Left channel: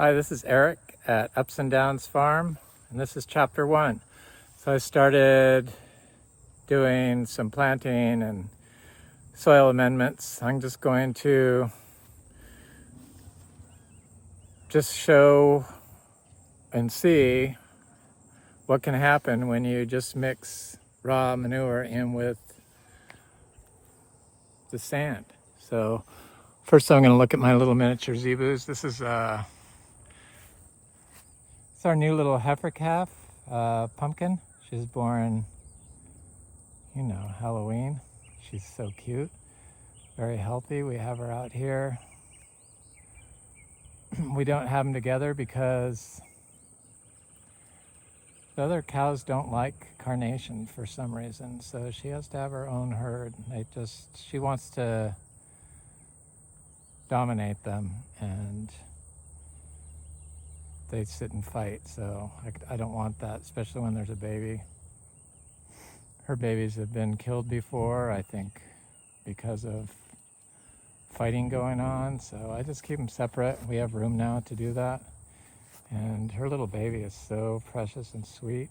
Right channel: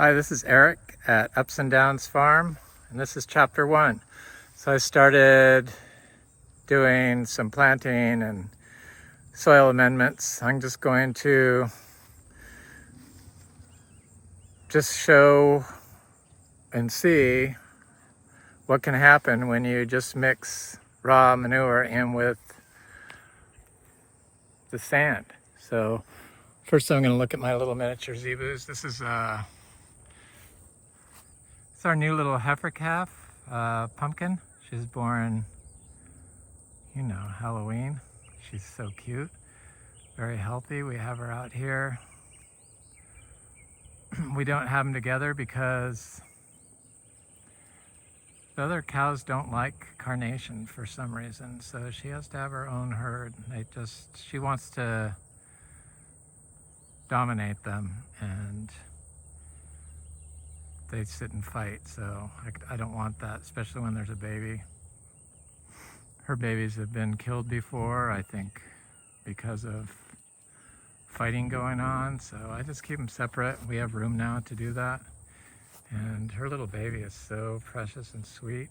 Hi, this is Eric at Ups and Downs Farm, and this is chapter 1. So I started doing some planting and soil amendments. I'm just going to show and see what can happen when you just mix raw manure in with the sand. So first I'm going to look at my little miniature zebus. This is it's our new little heifer calf, Pumpkin. She's born, Halloween. She's so cute, very healthy. We have her out here. We don't have them together because the other cows don't like carnation for some reason. So she has to have her own herd. She wants to dominate them, and they sit and fight. So I don't want that, especially when there's a baby. Her babies have been killed before, I think, because of fighting going on. So I just keep them separate. We have room now to do that. And her little baby is so precious and sweet.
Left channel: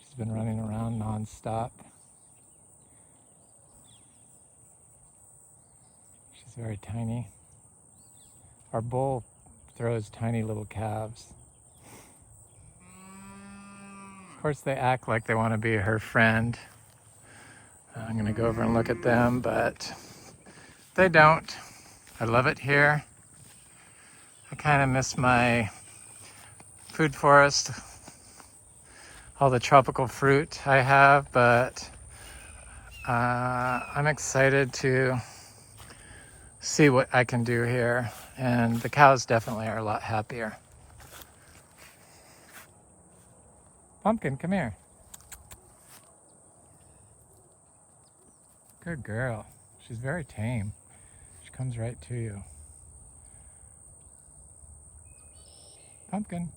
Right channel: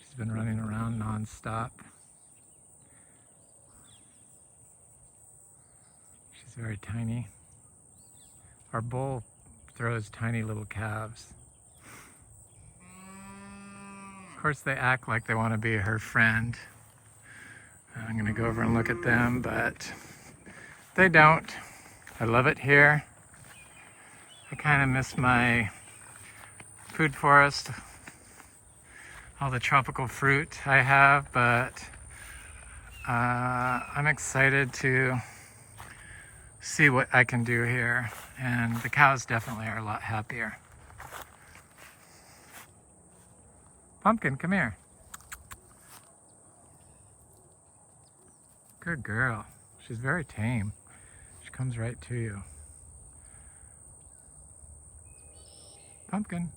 She's been running around nonstop. She's very tiny. Our bull throws tiny little calves. Of course, they act like they want to be her friend. I'm going to go over and look at them, but they don't. I love it here. I kind of miss my food forest, all the tropical fruit I have, but I'm excited to see what I can do here. And the cows definitely are a lot happier. Pumpkin, come here. Good girl. She's very tame. She comes right to you. Pumpkin.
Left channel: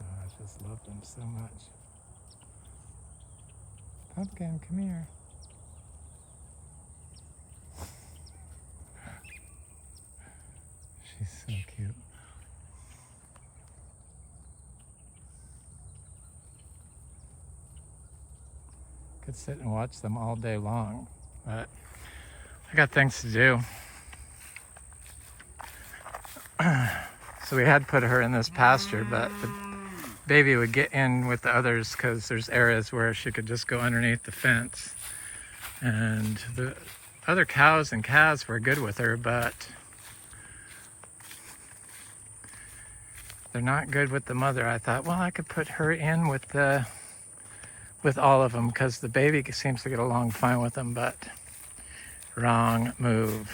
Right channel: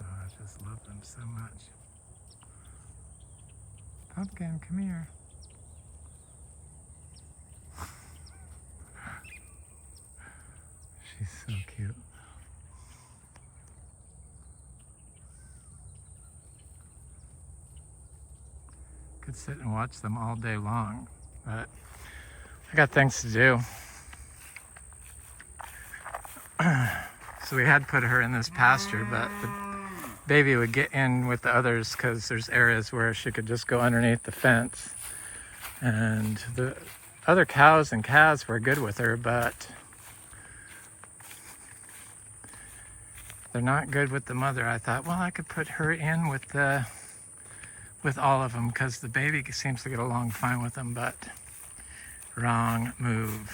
Oh, I just love them so much. Pumpkin, come here. She's so cute. Could sit and watch them all day long, but I got things to do. So we had put her in this pasture, but the baby would get in with the others because there's areas where she could just go underneath the fence. And the other cows and calves were good with her, but they're not good with the mother. I thought, well, I could put her in with all of them because the baby seems to get along fine with them, but wrong move.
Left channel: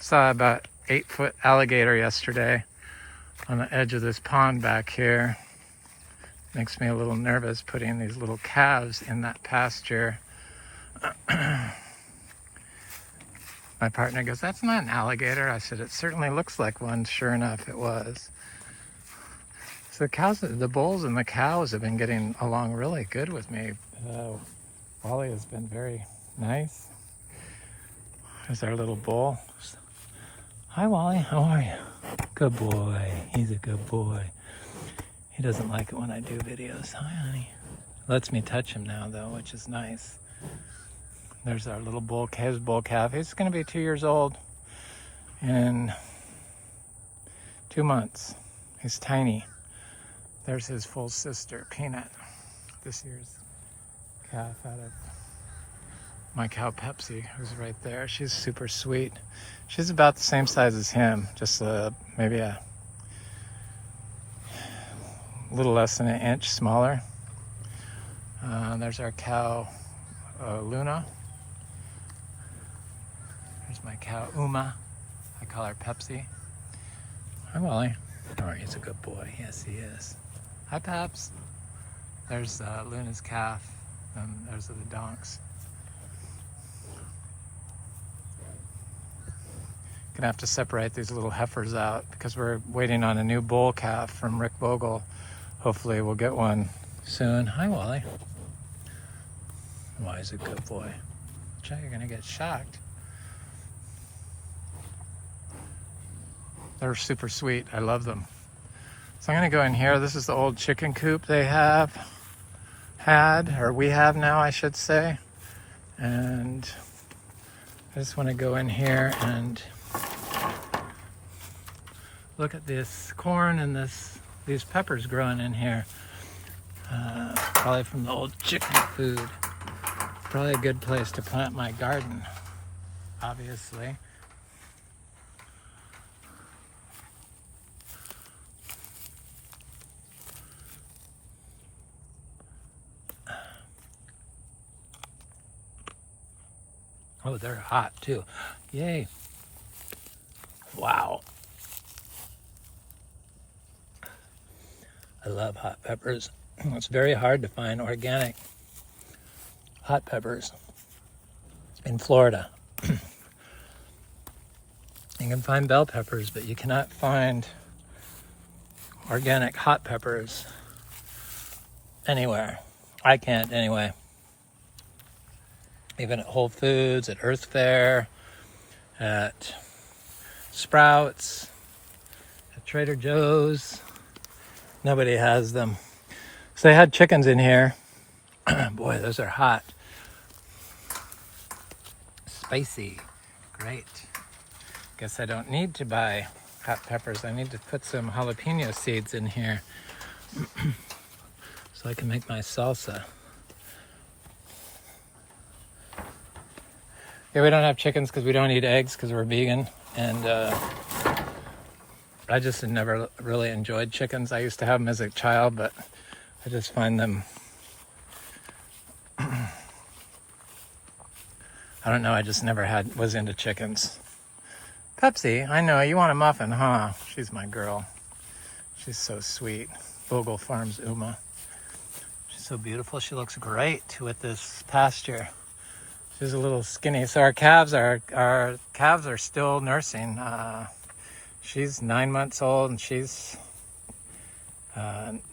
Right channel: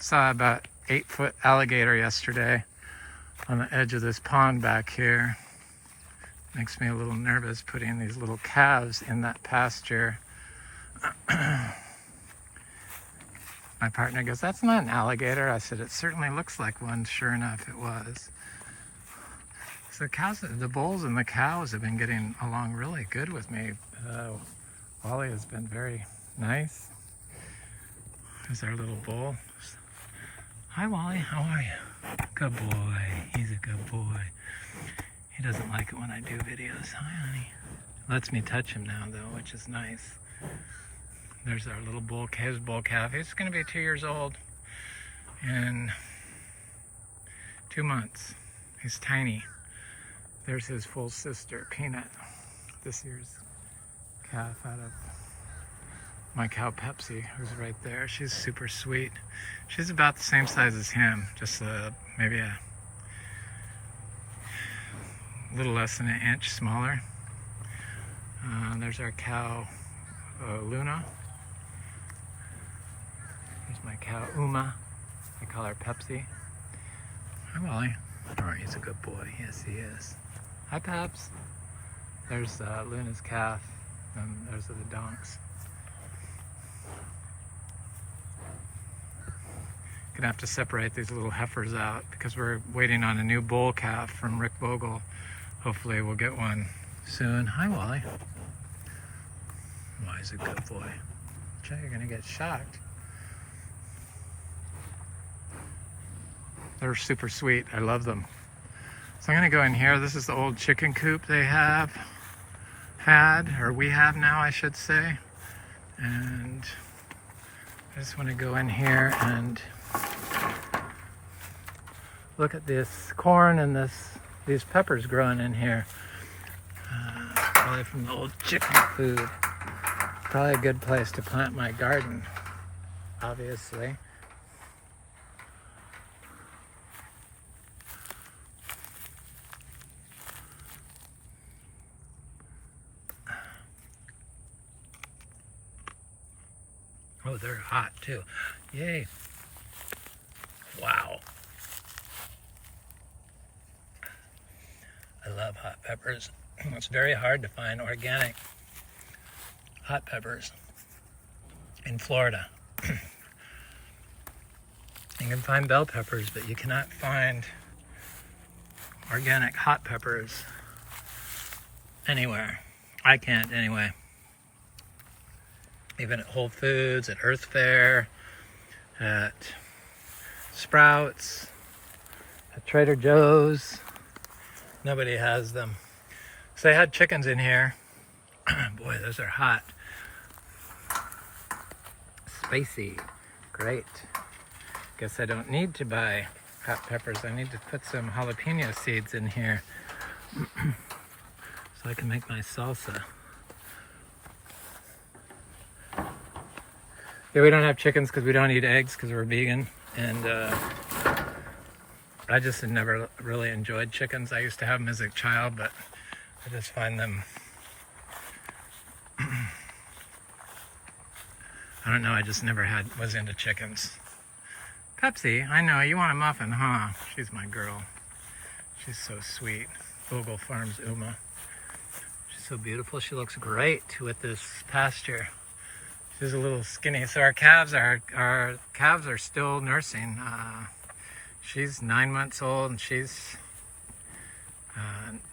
Saw about 8-foot alligator yesterday on the edge of this pond back here. Makes me a little nervous putting these little calves in that pasture. My partner goes, "That's not an alligator." I said, "It certainly looks like one." Sure enough, it was. So the bulls and the cows have been getting along really good with me. Wally has been very nice. There's our little bull. Hi, Wally. How are you? Good boy. He's a good boy. He doesn't like it when I do videos. Hi, honey. Lets me touch him now, though, which is nice. There's our little bull calf. He's going to be 2 years old in 2 months. He's tiny. There's his full sister, Peanut. This year's calf out of my cow Pepsi, who's right there. She's super sweet. She's about the same size as him, just maybe a little less than an inch smaller. There's our cow Luna. There's my cow Uma. I call her Pepsi. Hi, Wally. Oh, he's a good boy. Yes, he is. Hi, Peps. There's Luna's calf, and those are the donks. Gonna have to separate these little heifers out because we're waiting on a new bull calf from Rick Vogel. Hopefully we'll get one soon. Hi, Wally. Wally's a good boy. Jay, you're gonna get shocked. They're super sweet. I love them. So I'm gonna go in here. This is the old chicken coop they we have now, I should say. And I just want to go in here and look at this corn and these peppers growing in here. Probably from the old chicken food. Probably a good place to plant my garden, obviously. Oh, they're hot too. Yay. Wow. I love hot peppers. It's very hard to find organic hot peppers in Florida. You can find bell peppers, but you cannot find organic hot peppers anywhere. I can't anyway. Even at Whole Foods, at Earth Fare, at Sprouts, at Trader Joe's. Nobody has them. So they had chickens in here. Boy, those are hot. Spicy. Great. Guess I don't need to buy hot peppers. I need to put some jalapeno seeds in here so I can make my salsa. Yeah, we don't have chickens because we don't eat eggs because we're vegan. And I just had never really enjoyed chickens. I used to have them as a child, but I just find them, I don't know, I just never was into chickens. Pepsi, I know, you want a muffin, huh? She's my girl. She's so sweet. Vogel Farms Uma. She's so beautiful. She looks great with this pasture. She's a little skinny. So our calves are still nursing. She's 9 months old, and she's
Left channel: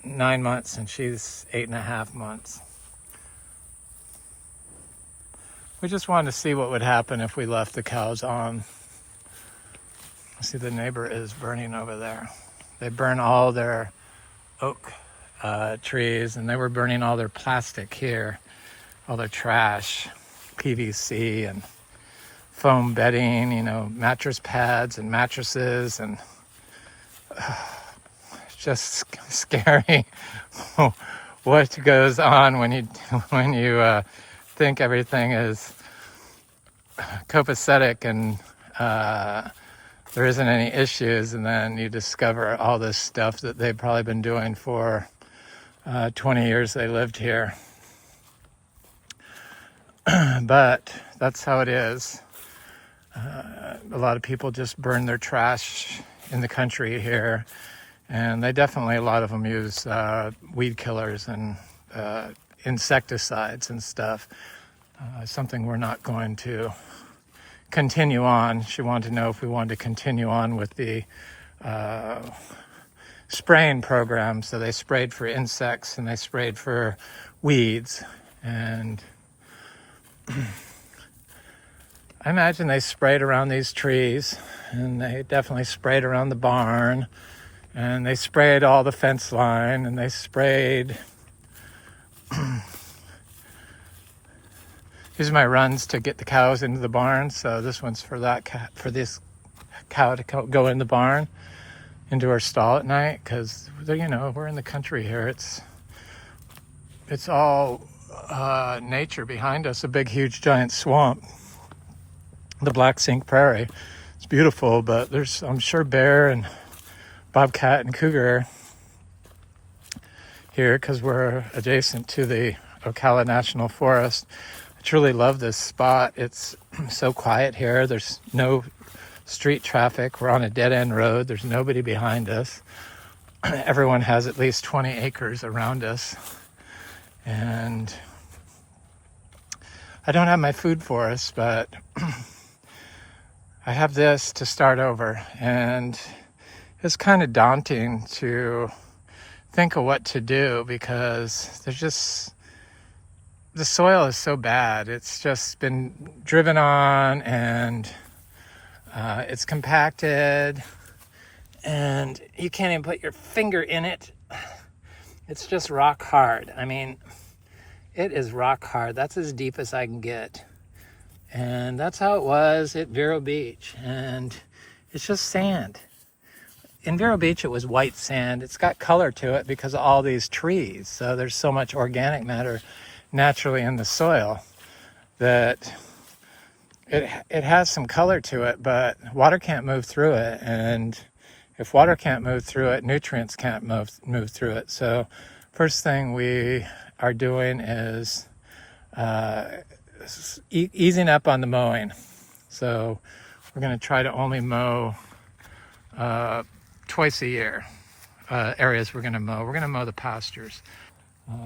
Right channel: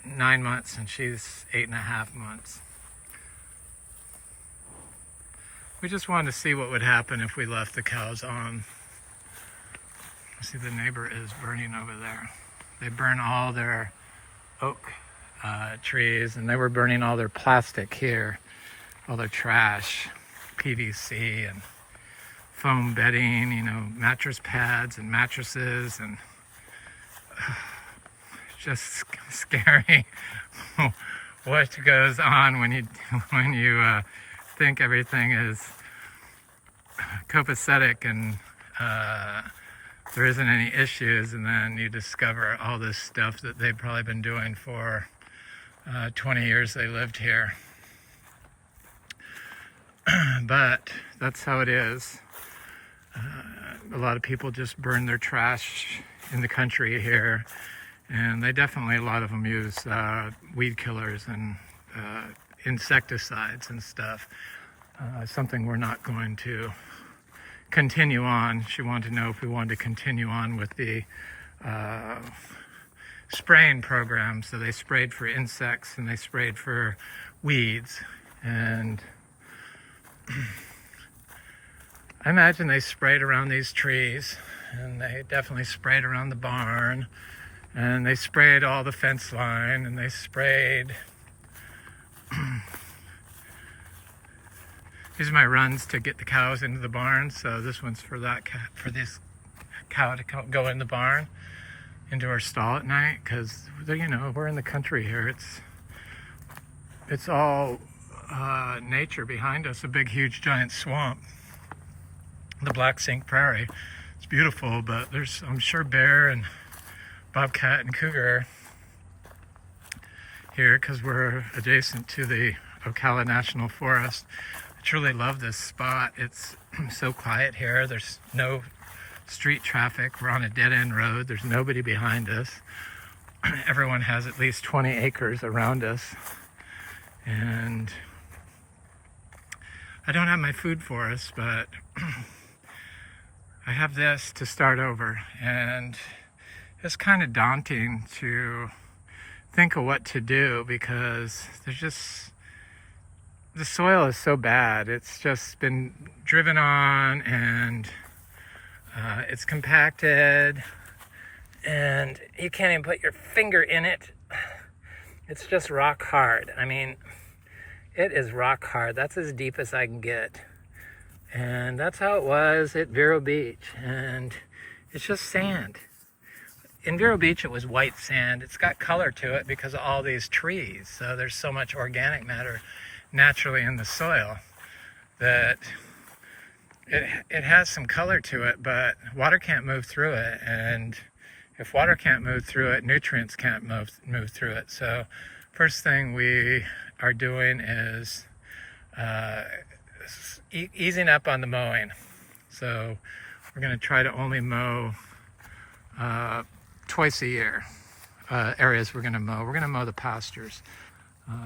9 months, and she's 8.5 months. We just wanted to see what would happen if we left the cows on. See, the neighbor is burning over there. They burn all their oak trees, and they were burning all their plastic here, all their trash. PVC and foam bedding, you know, mattress pads and mattresses, and just scary what goes on when you think everything is copacetic and there isn't any issues, and then you discover all this stuff that they've probably been doing for 20 years they lived here. But that's how it is. A lot of people just burn their trash in the country here, and they definitely, a lot of them use weed killers and insecticides and stuff. Something we're not going to continue on. She wanted to know if we wanted to continue on with the spraying program. So they sprayed for insects and they sprayed for weeds, and I imagine they sprayed around these trees, and they definitely sprayed around the barn, and they sprayed all the fence line, and they sprayed. These are my runs to get the cows into the barn. So this one's for this cow to go in the barn into her stall at night, because you know, we're in the country here. It's all nature behind us, a big, huge, giant swamp, the Black Sink Prairie. It's beautiful, but there's, I'm sure, bear and bobcat and cougar here because we're adjacent to the Ocala National Forest. I truly love this spot. It's so quiet here. There's no street traffic. We're on a dead-end road. There's nobody behind us. Everyone has at least 20 acres around us. And I don't have my food for us, but I have this to start over, and it's kind of daunting to think of what to do because the soil is so bad. It's just been driven on, and it's compacted, and you can't even put your finger in it. It's just rock hard. I mean, it is rock hard. That's as deep as I can get. And that's how it was at Vero Beach. And it's just sand. In Vero Beach, it was white sand. It's got color to it because of all these trees. So there's so much organic matter naturally in the soil that it has some color to it, but water can't move through it. And if water can't move through it, nutrients can't move through it. So first thing we are doing is easing up on the mowing. So we're going to try to only mow twice a year. Areas we're going to mow. We're going to mow the pastures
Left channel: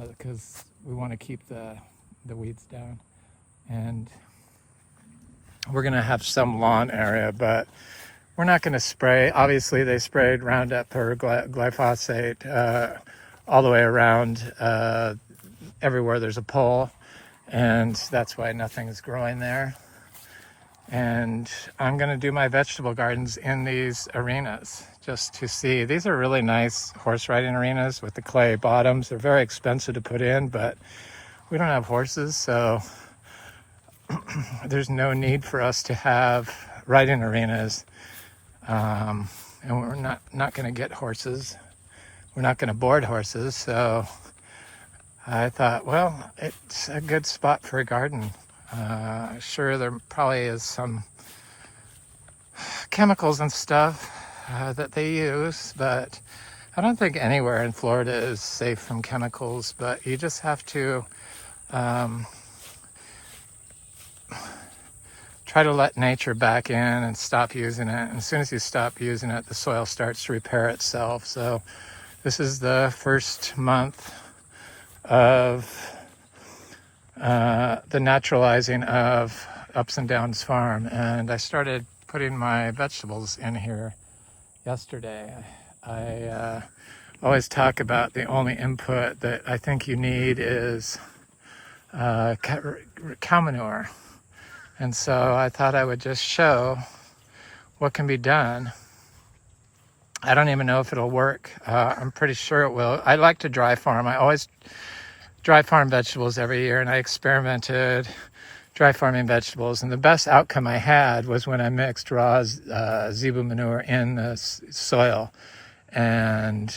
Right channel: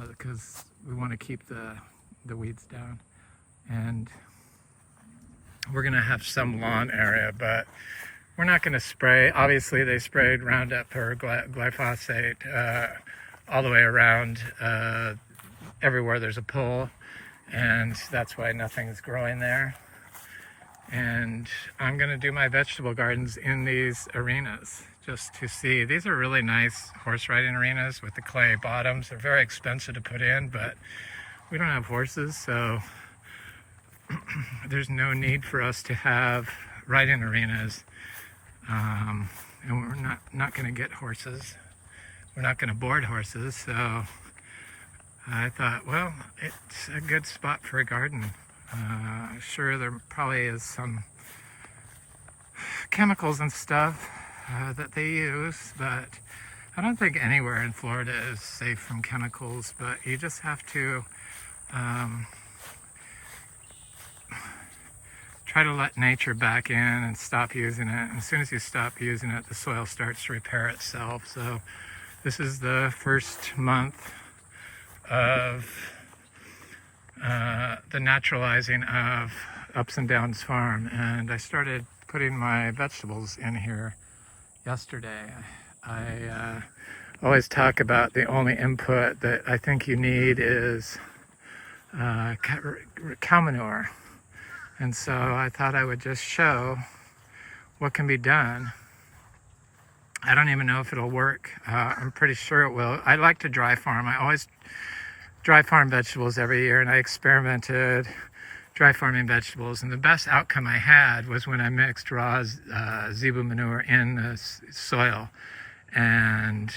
because we want to keep the weeds down. And we're going to have some lawn area, but we're not going to spray. Obviously, they sprayed Roundup or glyphosate all the way around everywhere there's a pole, and that's why nothing's growing there. And I'm going to do my vegetable gardens in these arenas just to see. These are really nice horse riding arenas with the clay bottoms. They're very expensive to put in, but we don't have horses, so there's no need for us to have riding arenas. And we're not going to get horses. We're not going to board horses, so I thought, well, it's a good spot for a garden. Sure, there probably is some chemicals and stuff that they use, but I don't think anywhere in Florida is safe from chemicals, but you just have to try to let nature back in and stop using it. And as soon as you stop using it, the soil starts to repair itself. So this is the first month of the naturalizing of Ups and Downs Farm, and I started putting my vegetables in here yesterday. I always talk about the only input that I think you need is cow manure, and so I thought I would just show what can be done. I don't even know if it'll work. I'm pretty sure it will. I like to dry farm. I always dry farm vegetables every year, and I experimented dry farming vegetables, and the best outcome I had was when I mixed raw zebu manure in the soil, and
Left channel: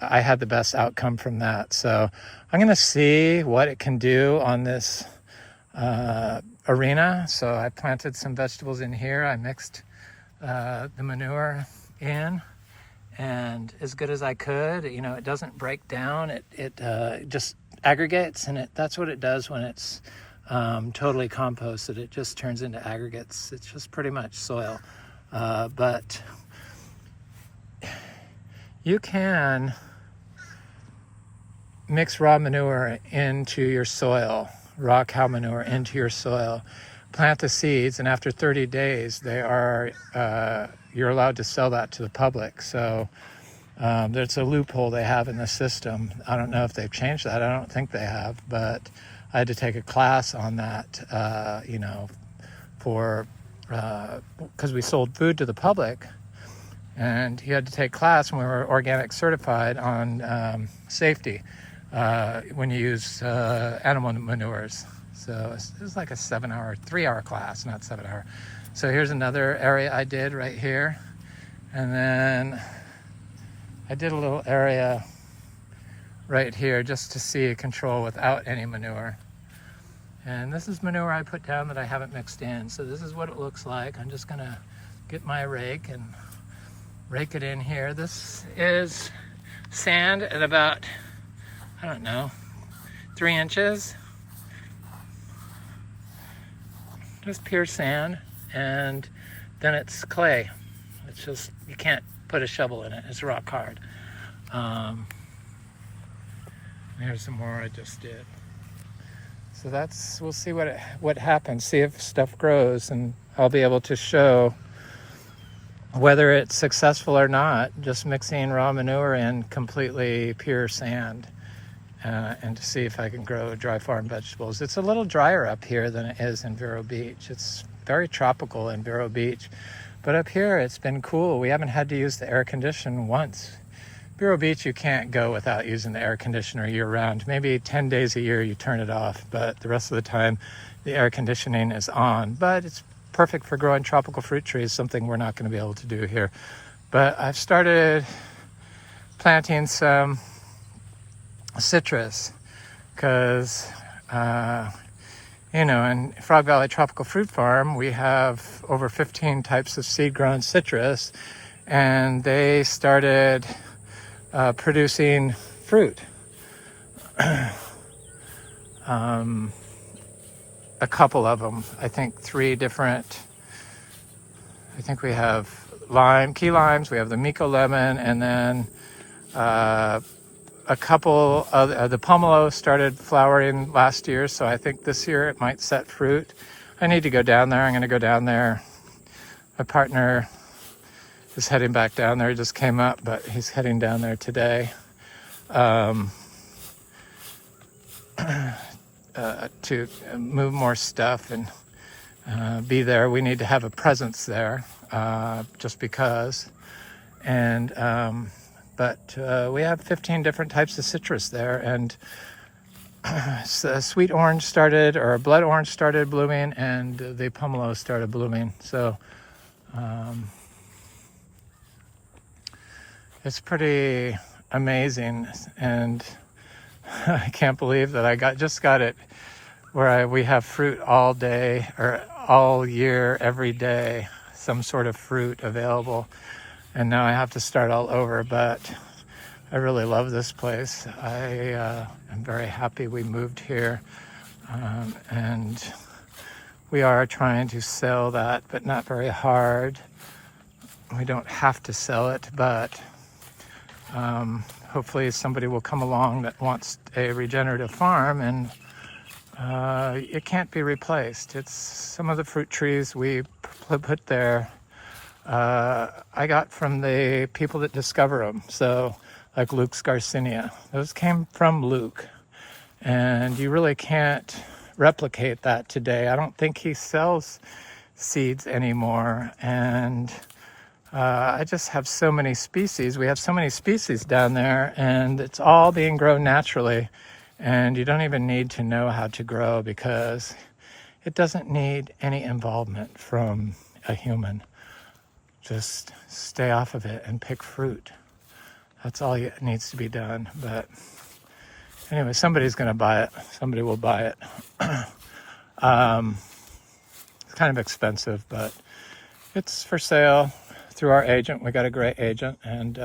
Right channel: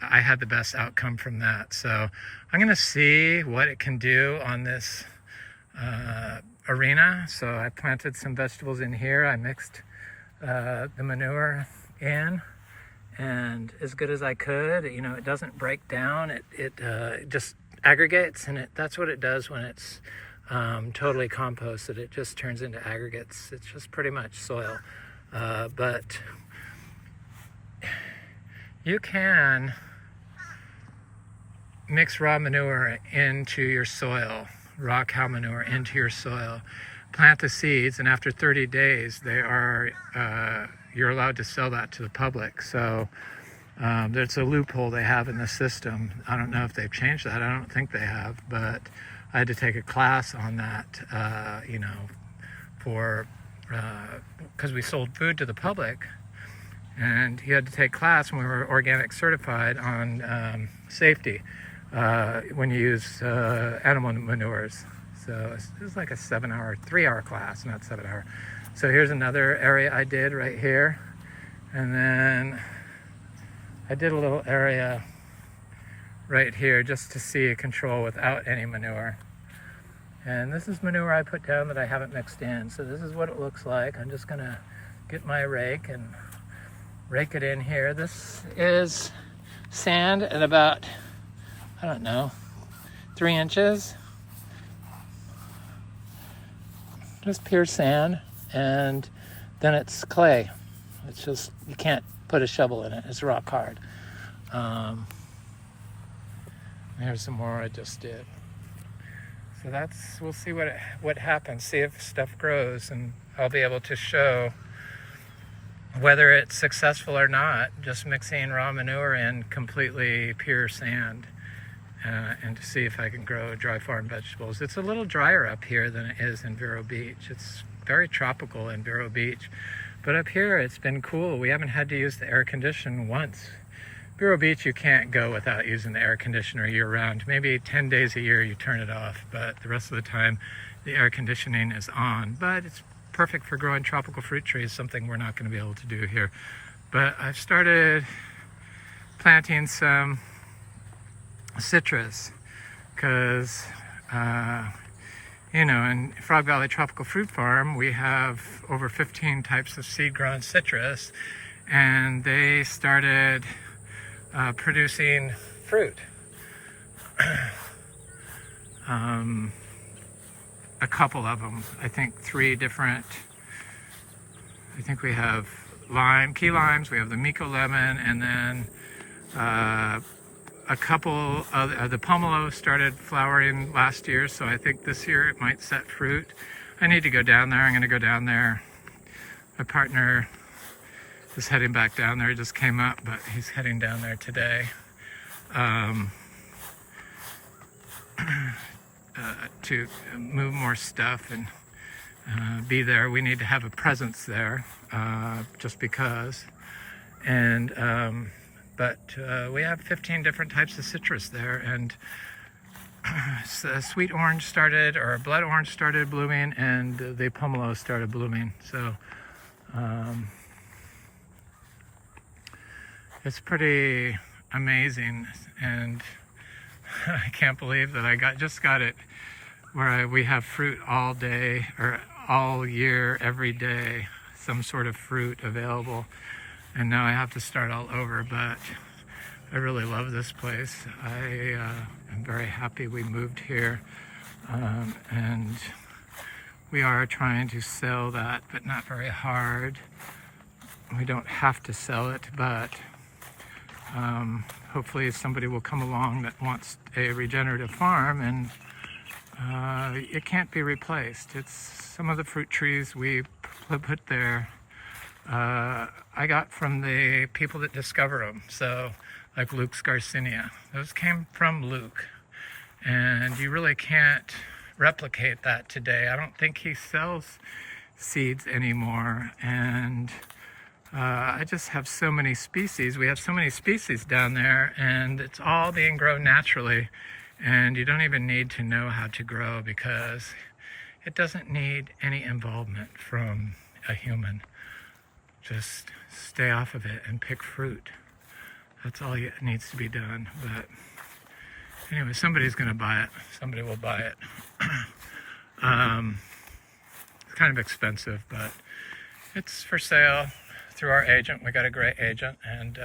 I had the best outcome from that. So I'm going to see what it can do on this arena. So I planted some vegetables in here. I mixed the manure in, and as good as I could. You know, it doesn't break down. It just aggregates, and that's what it does when it's totally composted. It just turns into aggregates. It's just pretty much soil. But you can mix raw manure into your soil, raw cow manure into your soil, plant the seeds, and after 30 days, you're allowed to sell that to the public. So there's a loophole they have in the system. I don't know if they've changed that. I don't think they have, but I had to take a class on that, because we sold food to the public, and you had to take class when we were organic certified on safety when you use animal manures. So it was like a 3-hour class, not 7-hour. So here's another area I did right here. And then I did a little area right here just to see control without any manure. And this is manure I put down that I haven't mixed in. So this is what it looks like. I'm just gonna get my rake and rake it in here. This is sand at about, I don't know, 3 inches. Just pure sand, and then it's clay. It's just, you can't put a shovel in it. It's rock hard. Here's some more I just did. So we'll see what happens, see if stuff grows, and I'll be able to show whether it's successful or not, just mixing raw manure and completely pure sand, and to see if I can grow dry farm vegetables. It's a little drier up here than it is in Vero Beach. It's very tropical in Vero Beach, but up here it's been cool. We haven't had to use the air conditioner once. Vero Beach, you can't go without using the air conditioner year round. Maybe 10 days a year you turn it off, but the rest of the time the air conditioning is on. But it's perfect for growing tropical fruit trees, something we're not going to be able to do here. But I've started planting some citrus because, in Frog Valley Tropical Fruit Farm, we have over 15 types of seed-grown citrus, and they started producing fruit. A couple of them, I think 3 different. I think we have key limes, we have the Miko lemon, and then a couple of the pomelo started flowering last year, so I think this year it might set fruit. I need to go down there. I'm going to go down there. My partner is heading back down there. He just came up, but he's heading down there today to move more stuff and be there. We need to have a presence there, just because. And but we have 15 different types of citrus there, and sweet orange started, or blood orange started blooming, and the pomelo started blooming. So it's pretty amazing, and I can't believe that I just got it where we have fruit all day, or all year, every day, some sort of fruit available. And now I have to start all over, but I really love this place. I am very happy we moved here, and we are trying to sell that, but not very hard. We don't have to sell it, but hopefully somebody will come along that wants a regenerative farm, and it can't be replaced. It's some of the fruit trees we put there, I got from the people that discover them. So like Luke's Garcinia, those came from Luke, and you really can't replicate that today. I don't think he sells seeds anymore, and I just have so many species. We have so many species down there, and it's all being grown naturally, and you don't even need to know how to grow because it doesn't need any involvement from a human. Just stay off of it and pick fruit. That's all it needs to be done. But anyway, somebody's going to buy it. Somebody will buy it. It's kind of expensive, but it's for sale through our agent. We got a great agent, and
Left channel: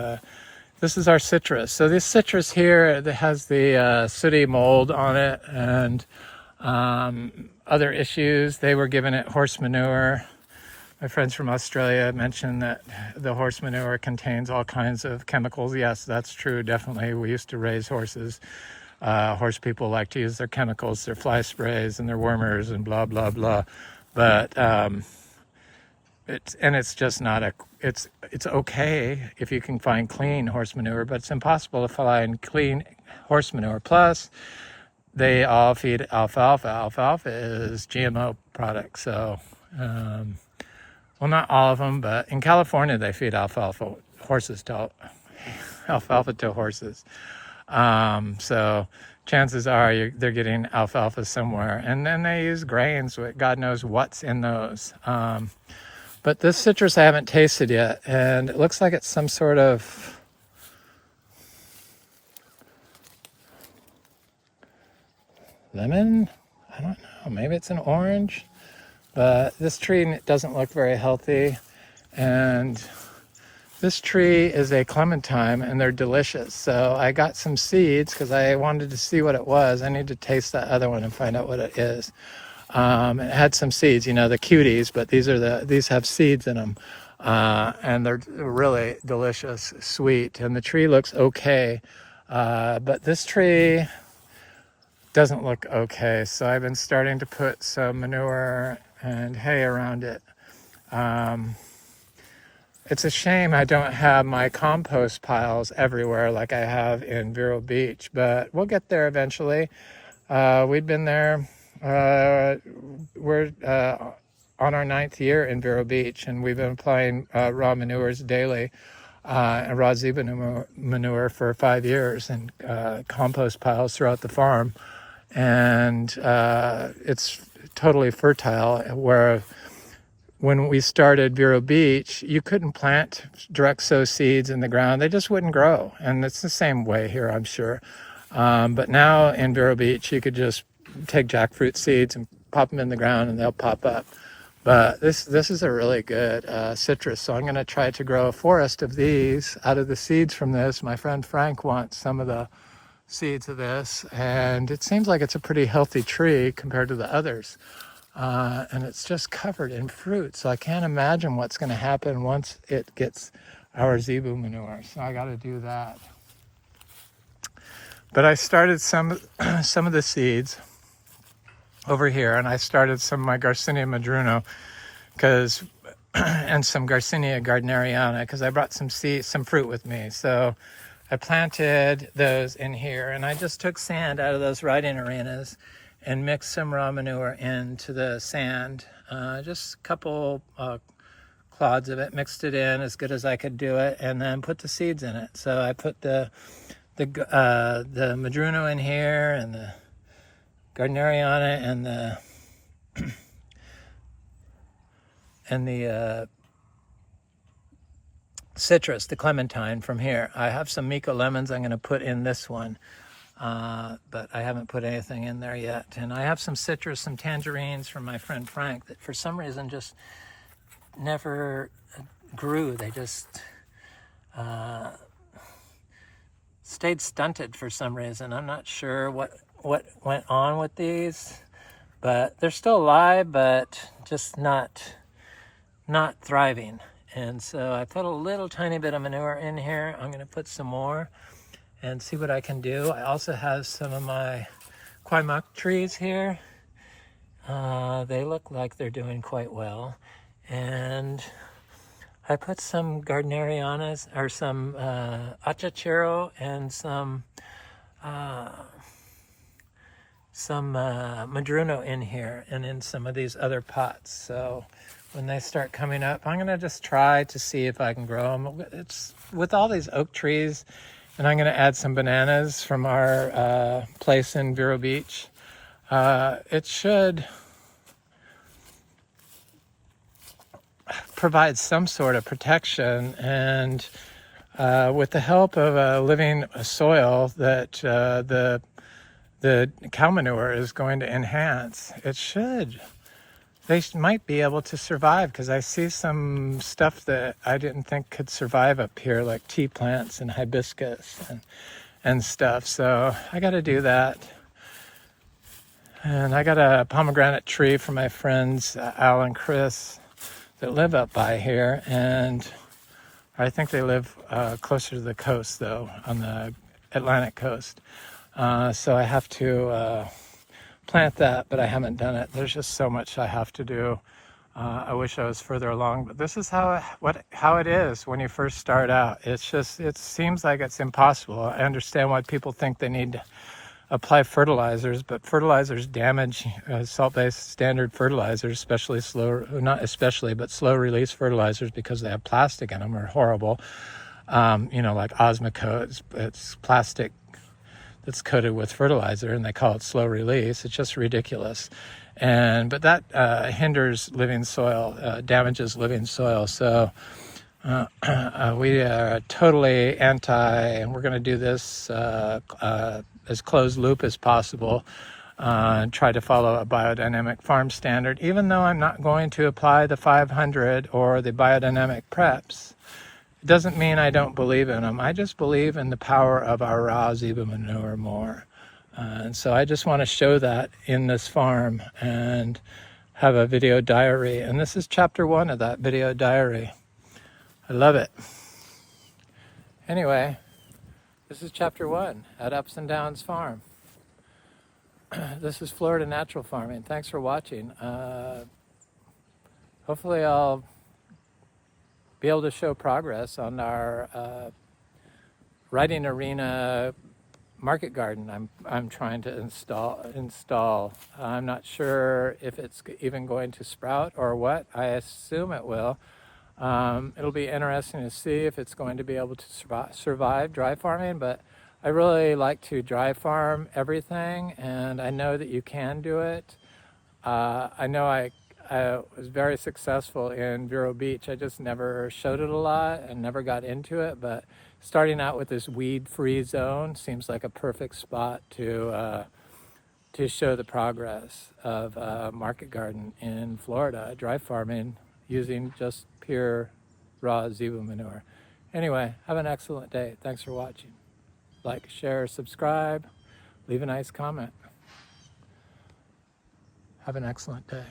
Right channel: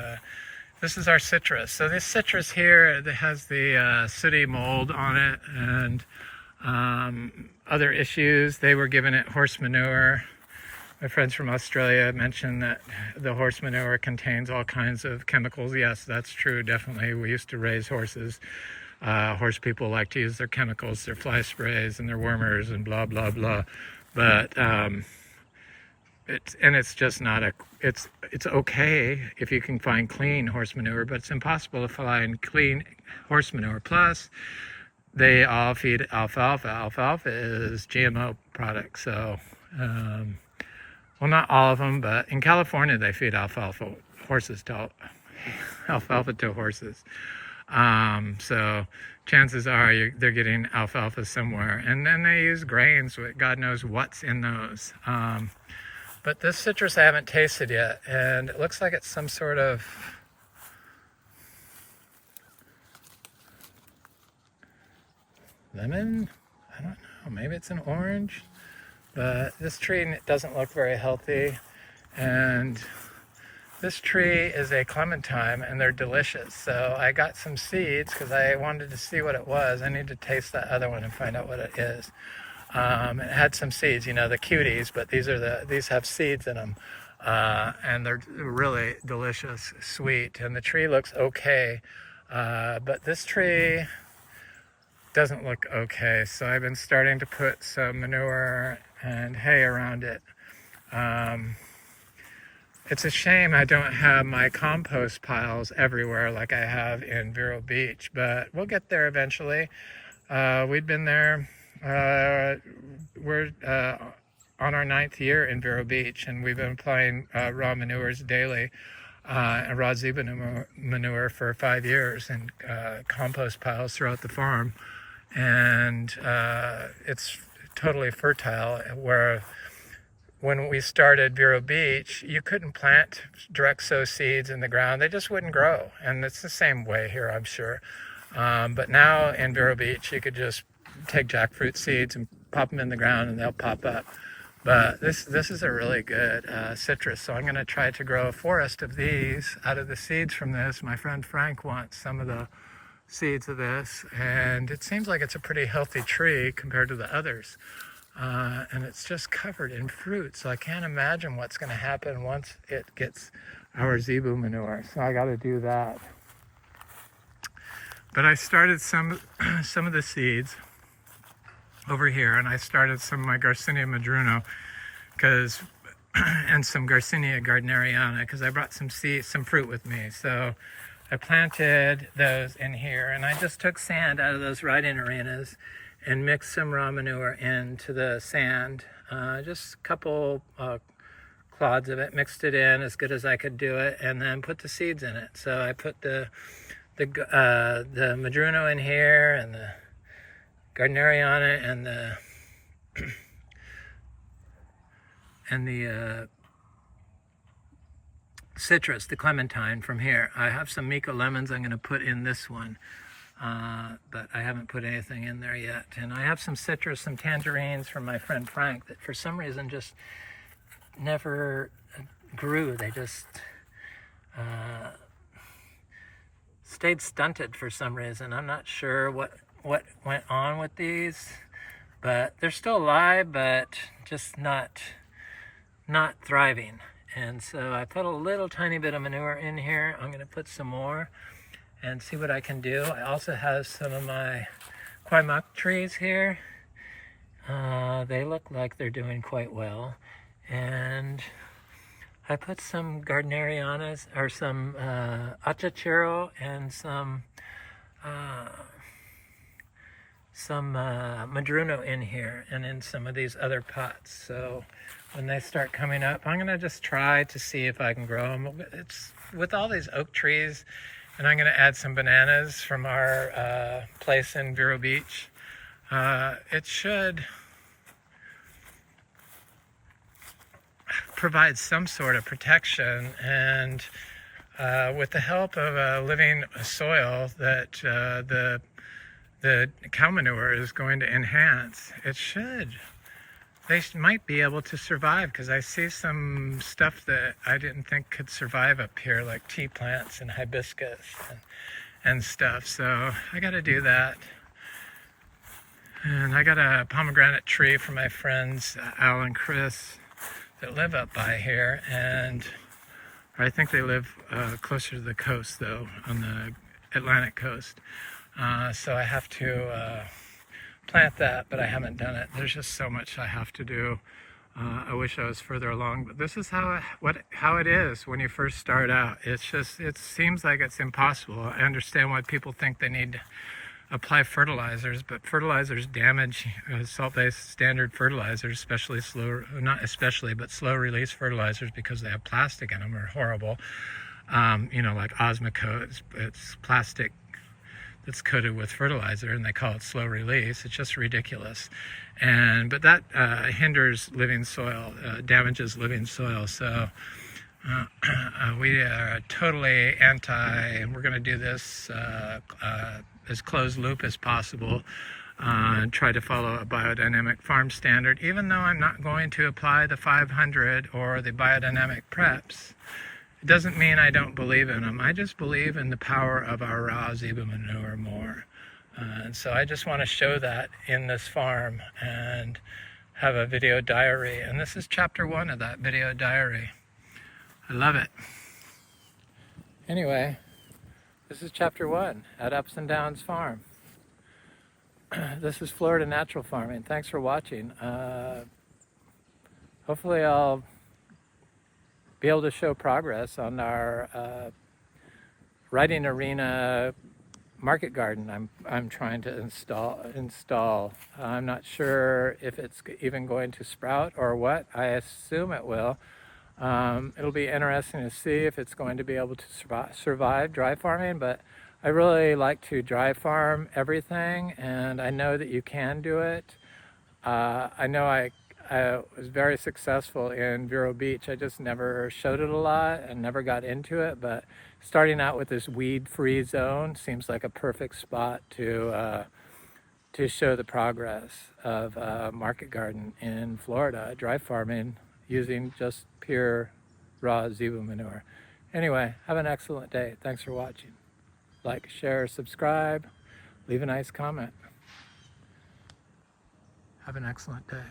this is our citrus. So this citrus here that has the sooty mold on it, and other issues. They were giving it horse manure. My friends from Australia mentioned that the horse manure contains all kinds of chemicals. Yes, that's true, definitely. We used to raise horses. Horse people like to use their chemicals, their fly sprays and their wormers and blah, blah, blah. But it's just not it's okay if you can find clean horse manure, but it's impossible to find clean horse manure. Plus, they all feed alfalfa. Alfalfa is GMO product, so well, not all of them, but in California they feed alfalfa to horses. So chances are they're getting alfalfa somewhere, and then they use grains. God knows what's in those. But this citrus I haven't tasted yet, and it looks like it's some sort of lemon. I don't know. Maybe it's an orange. But this tree doesn't look very healthy, and this tree is a clementine, and they're delicious. So I got some seeds because I wanted to see what it was. I need to taste that other one and find out what it is. It had some seeds, the cuties, but these have seeds in them, and they're really delicious, sweet, and the tree looks okay. But this tree, doesn't look okay. So I've been starting to put some manure and hay around it. It's a shame I don't have my compost piles everywhere like I have in Vero Beach, but we'll get there eventually. We've been there, we're on our 9th year in Vero Beach, and we've been applying raw manures daily, raw Zebu manure for 5 years, and compost piles throughout the farm. And it's totally fertile, where when we started Vero Beach, you couldn't plant direct sow seeds in the ground. They just wouldn't grow. And it's the same way here, I'm sure. But now in Vero Beach, you could just take jackfruit seeds and pop them in the ground and they'll pop up. But this is a really good citrus. So I'm going to try to grow a forest of these out of the seeds from this. My friend Frank wants some of the seeds of this. And it seems like it's a pretty healthy tree compared to the others. And it's just covered in fruit, so I can't imagine what's going to happen once it gets our Zebu manure. So I got to do that. But I started some of the seeds over here, and I started some of my Garcinia madruno and some Garcinia gardneriana, because I brought some fruit with me. So I planted those in here, and I just took sand out of those riding arenas and mix some raw manure into the sand, just a couple clods of it, mixed it in as good as I could do it, and then put the seeds in it. So I put the madruno in here, and the gardneriana, and the citrus, the clementine from here. I have some Miko lemons I'm going to put in this one. But I haven't put anything in there yet. And I have some citrus, some tangerines from my friend Frank that for some reason just never grew. They just stayed stunted for some reason. I'm not sure what went on with these, but they're still alive, but just not thriving. And so I put a little tiny bit of manure in here. I'm going to put some more and see what I can do. I also have some of my kwai trees here. They look like they're doing quite well. And I put some gardnerianas, or some achachero, and some madruno in here, and in some of these other pots. So when they start coming up, I'm gonna just try to see if I can grow them. It's with all these oak trees. And I'm going to add some bananas from our place in Vero Beach. It should provide some sort of protection, and with the help of a living soil that the cow manure is going to enhance, they might be able to survive, because I see some stuff that I didn't think could survive up here, like tea plants and hibiscus and stuff. So I got to do that. And I got a pomegranate tree from my friends Al and Chris that live up by here, and I think they live closer to the coast, though, on the Atlantic coast. So I have to plant that, but I haven't done it. There's just so much I have to do. I wish I was further along, but this is how it is when you first start out. It seems like it's impossible. I understand why people think they need to apply fertilizers, but fertilizers damage salt-based standard fertilizers, slow release fertilizers, because they have plastic in them, are horrible. Like Osmocote, it's plastic that's coated with fertilizer, and they call it slow release. It's just ridiculous. But that hinders living soil, damages living soil. So we are totally anti, and we're going to do this as closed loop as possible, and try to follow a biodynamic farm standard, even though I'm not going to apply the 500 or the biodynamic preps. It doesn't mean I don't believe in them. I just believe in the power of our raw Zebu manure more. And so I just want to show that in this farm and have a video diary. And this is chapter 1 of that video diary. I love it. Anyway, this is chapter 1 at Ups and Downs Farm. this is Florida Natural Farming. Thanks for watching. Hopefully I'll be able to show progress on our writing arena market garden I'm trying to install. I'm not sure if it's even going to sprout or what. I assume it will. It'll be interesting to see if it's going to be able to survive dry farming, but I really like to dry farm everything, and I know that you can do it. I know I was very successful in Vero Beach. I just never showed it a lot and never got into it, but starting out with this weed-free zone seems like a perfect spot to show the progress of market garden in Florida, dry farming using just pure raw zebu manure. Anyway, have an excellent day. Thanks for watching. Like, share, subscribe, leave a nice comment. Have an excellent day.